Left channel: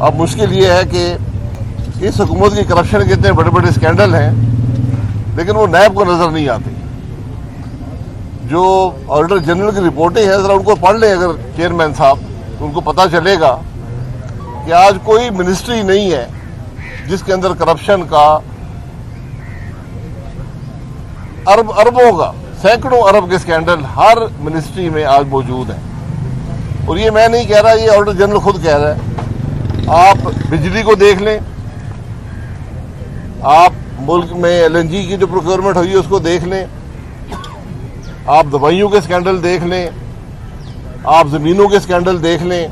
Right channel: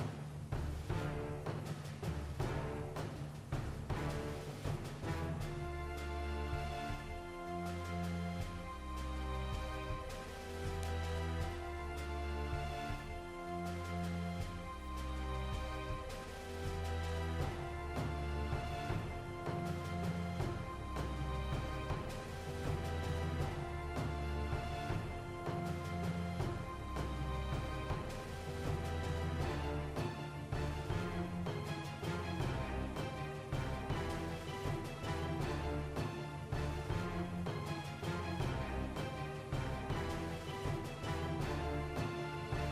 اب مشکل یہ ہے کہ اس حکومت کی کرپشن کے اتنے بڑے بڑے اسکینڈل ہیں لیکن وہ نیب کو نظر نہیں آتے. جو آڈیٹر جنرل کی رپورٹیں ہیں ذرا ان کو پڑھ لیں اگر چیئرمین صاحب، تو ان کو پتہ چلے گا کہ آج کوئی منسٹری نہیں ہے جس کے اندر کرپشن کا اربوں کا، سینکڑوں ارب کے اسکینڈل ہر منسٹری میں آج موجود ہیں. اور یہ میں نہیں کہہ رہا، یہ آڈیٹر جنرل خود کہہ رہا ہے. آپ بجلی کو دیکھ لیں، آپ ملک میں LNG کی جو پروکیورمنٹ ہوئی ہے اس کو دیکھ لیں، آپ دوائیوں کے اسکینڈل دیکھ لیں، آپ زمینوں کے اسکینڈل دیکھ لیں،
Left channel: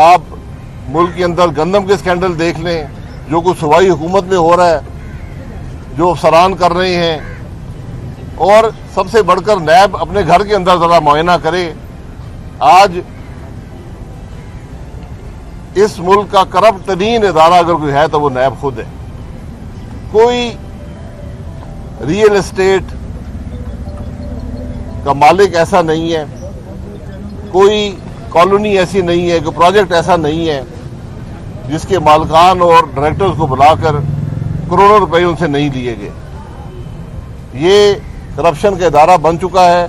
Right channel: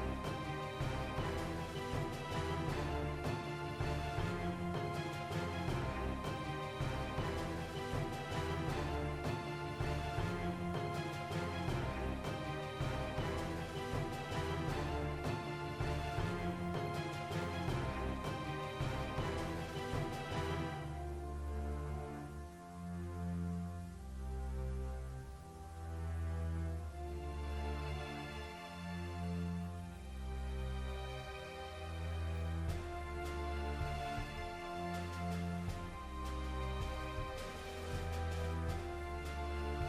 آپ ملک کے اندر گندم کے اسکینڈل دیکھ لیں جو کچھ صوبائی حکومت میں ہو رہا ہے، جو افسران کر رہے ہیں. اور سب سے بڑھ کر نیب اپنے گھر کے اندر ذرا معائنہ کرے. آج اس ملک کا کرپٹ ترین ادارہ اگر کوئی ہے تو وہ نیب خود ہے. کوئی ریئل اسٹیٹ کا مالک ایسا نہیں ہے، کوئی کالونی ایسی نہیں ہے، کوئی پروجیکٹ ایسا نہیں ہے جس کے مالکان اور ڈائریکٹرز کو بلا کر کروڑوں روپے ان سے نہیں لیے گئے. یہ کرپشن کا ادارہ بن چکا ہے.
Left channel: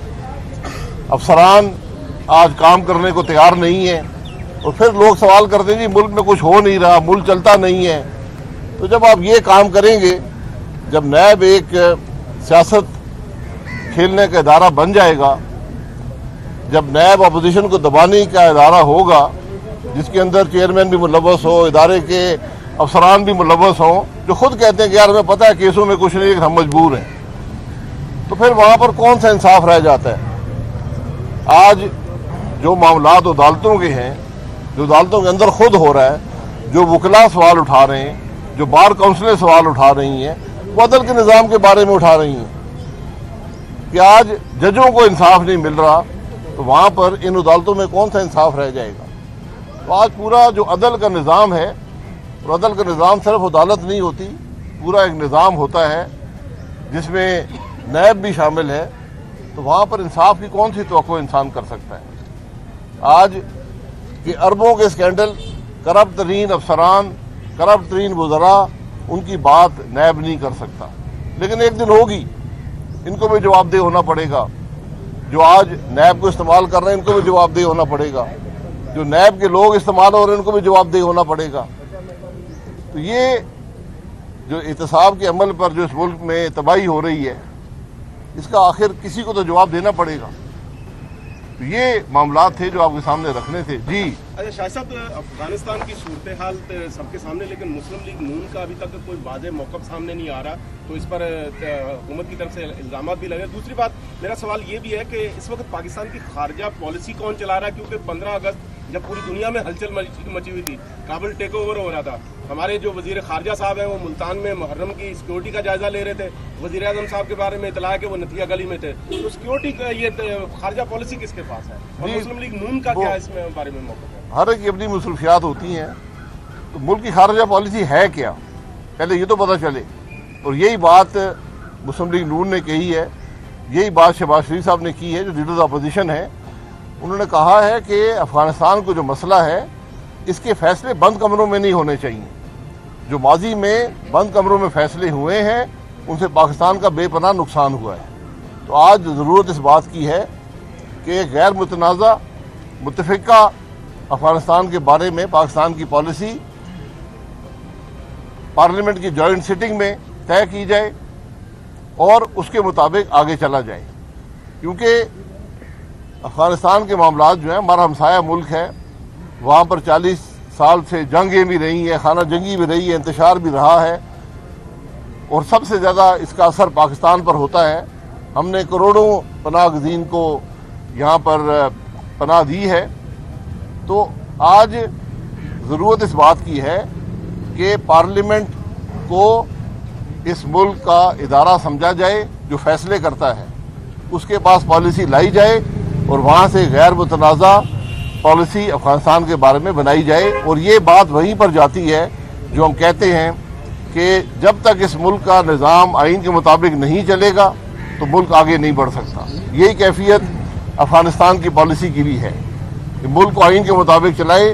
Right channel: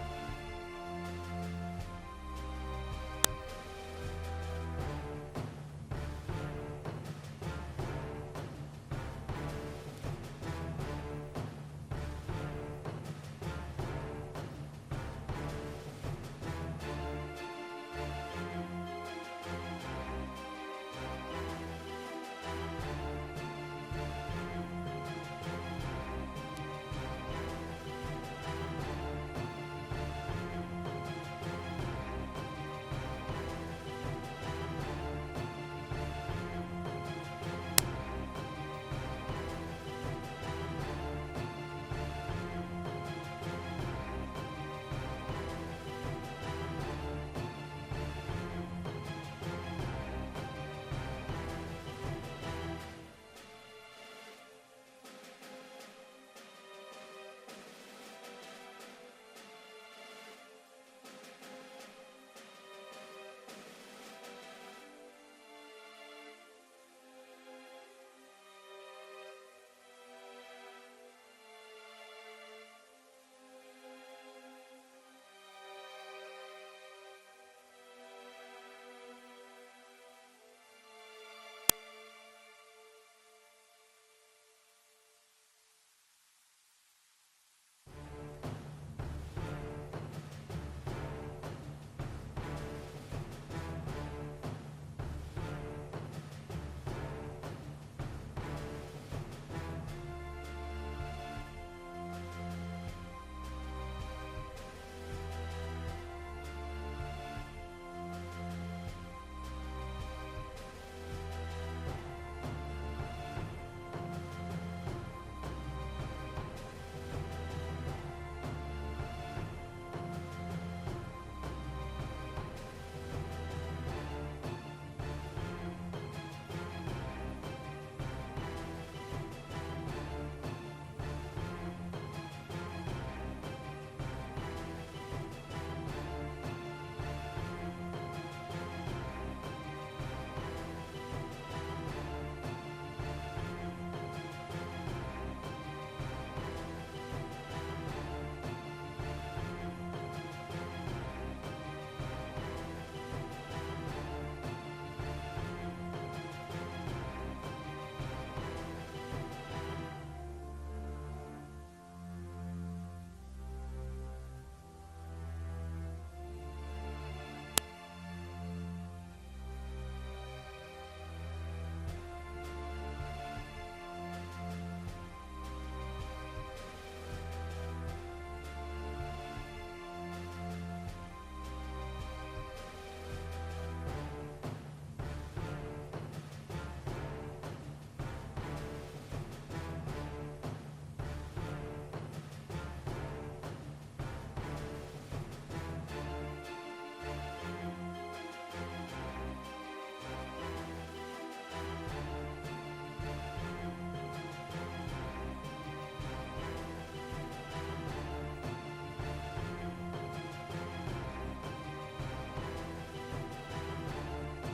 افسران آج کام کرنے کو تیار نہیں ہیں، اور پھر لوگ سوال کرتے ہیں جی ملک میں کچھ ہو نہیں رہا، ملک چلتا نہیں ہے. تو جب آپ یہ کام کریں گے، جب نیب ایک سیاست کھیلنے کا ادارہ بن جائے گا، جب نیب اپوزیشن کو دبانے کا ادارہ ہوگا جس کے اندر چیئرمین بھی ملوث ہو، ادارے کے افسران بھی ملوث ہوں، جو خود کہتے ہیں کہ یار ہمیں پتہ ہے کیسوں میں کچھ نہیں، ہم مجبور ہیں، تو پھر وہاں پر کون سا انصاف رہ جاتا ہے؟ آج جو معاملات عدالتوں کے ہیں، جو عدالتوں کے اندر خود ہو رہا ہے، جو وکلاء سوال اٹھا رہے ہیں، جو بار کونسلیں سوال اٹھا رہی ہیں، وہ عدل کے نظام کے بارے میں اٹھا رہی ہیں کہ آج ججوں کو انصاف نہیں مل رہا، تو وہاں پر ان عدالتوں میں کون سا انصاف رہ جائے گا؟ تو آج پورا جو عدل کا نظام ہے، اور عدل کا نظام صرف عدالت نہیں ہوتی، پورا ایک نظام ہوتا ہے جس میں نیب بھی شامل ہے، تو وہاں پر انصاف کی کون سی توقع انسان کر سکتا ہے؟ آج کہ اربوں کے اسکینڈل، کرپٹ ترین افسران، کرپٹ ترین وزراء، ان کی بات نیب نہیں کر سکتا. لیکن ایک دن ہوگی، ان کو بھی جواب دہ ہونا پڑے گا. جو آج نیب کو استعمال کر رہے ہیں ان کو بھی جواب دہ ہونا پڑے گا. جو نیب کے لوگ استعمال ہو رہے ہیں ان کو بھی جواب دہ ہونا پڑے گا. تو یہ جو احتساب کے عمل پر جو اس ملک میں تباہی ہو رہی ہے، اس کا آخر کسی کو تو جواب دینا پڑے گا. تو یہ معاملات تھے جو آپ کے سامنے رکھنے تھے. جی اچھا شاہ صاحب، افغانستان کی صورتحال سب کے سامنے، لیکن مسلم لیگ نون کا ابھی تک کوئی واضح موقف سامنے نہیں آ رہا، تو اس پر حکومت کی طرف سے الزامات بھی لگے. دوسری بات، میرا سوال یہ بھی ہے کہ اس وقت پاکستان کی خارجہ پالیسی کون چلا رہا ہے؟ کیونکہ 15 اگست جب پوری دنیا میں ہلچل مچی ہوئی تھی، کابل ٹیک اوور ہو رہا تھا، ہمارے جو وزیر خارجہ صاحب ہیں وہ ملتان میں محرم کی سیکورٹی کا جائزہ لے رہے تھے. وزیر اعظم صاحب کے بارے میں اطلاع ہے کہ وہ نتیہ گلی میں تھے. تو سیکورٹی کا یہ خارجہ پالیسی کس کے پاس ہے، اور مسلم لیگ نون کا کیا اس میں بارے میں موقف ہے؟ ہر ایک کی اپنی مصروفیات ہوتی ہیں، تو ملک کی خارجہ پالیسی ہے کیا، پہلے یہ تو پتہ چلے. اور یہی بات مسلم لیگ نون نے کہی ہے، یہی بات شہباز شریف صاحب نے کی ہے جو لیڈر اپوزیشن ہے. انہوں نے کہا ہے کہ افغانستان کو جو مسئلہ ہے اس کے فیصلے بند کمروں میں نہیں ہونے چاہیے. جو ماضی میں بند کمروں میں فیصلے ہوئے ہیں ان سے پاکستان کا بے پناہ نقصان ہوا ہے. تو آج ضرورت اس بات کی ہے کہ غیر متنازع متفقہ افغانستان کے بارے میں پاکستان کی پالیسی پارلیمنٹ کی جوائنٹ سٹنگ میں طے کی جائے اور اس کے مطابق آگے چلا جائے. کیونکہ افغانستان کے معاملات جو ہیں، ہمارا ہمسایہ ملک ہے، وہاں پر 40 سال سے جنگیں بھی رہی ہیں، خانہ جنگی بھی رہی ہے، انتشار بھی رہا ہے، اور سب سے زیادہ اس کا اثر پاکستان پر ہوتا ہے. ہم نے کروڑوں پناہ گزین کو یہاں پر پناہ دی ہے. تو آج ضرورت اس بات کی ہے کہ پارلیمنٹ کو اس ملک کا ادارہ سمجھا جائے جو فیصلے کرتا ہے، اس کے پاس پالیسی لائی جائے اور وہاں سے غیر متنازع پالیسی افغانستان کے بارے میں بنائی جائے. اور یہ بات وہیں پر جاتی ہے جو ہم کہتے ہیں کہ جب تک اس ملک کا نظام آئین کے مطابق نہیں چلے گا تو ملک آگے نہیں بڑھ سکتا. یہی کیفیت افغانستان کی پالیسی کی بھی ہے کہ ملک کو آئین کے مطابق چلائے،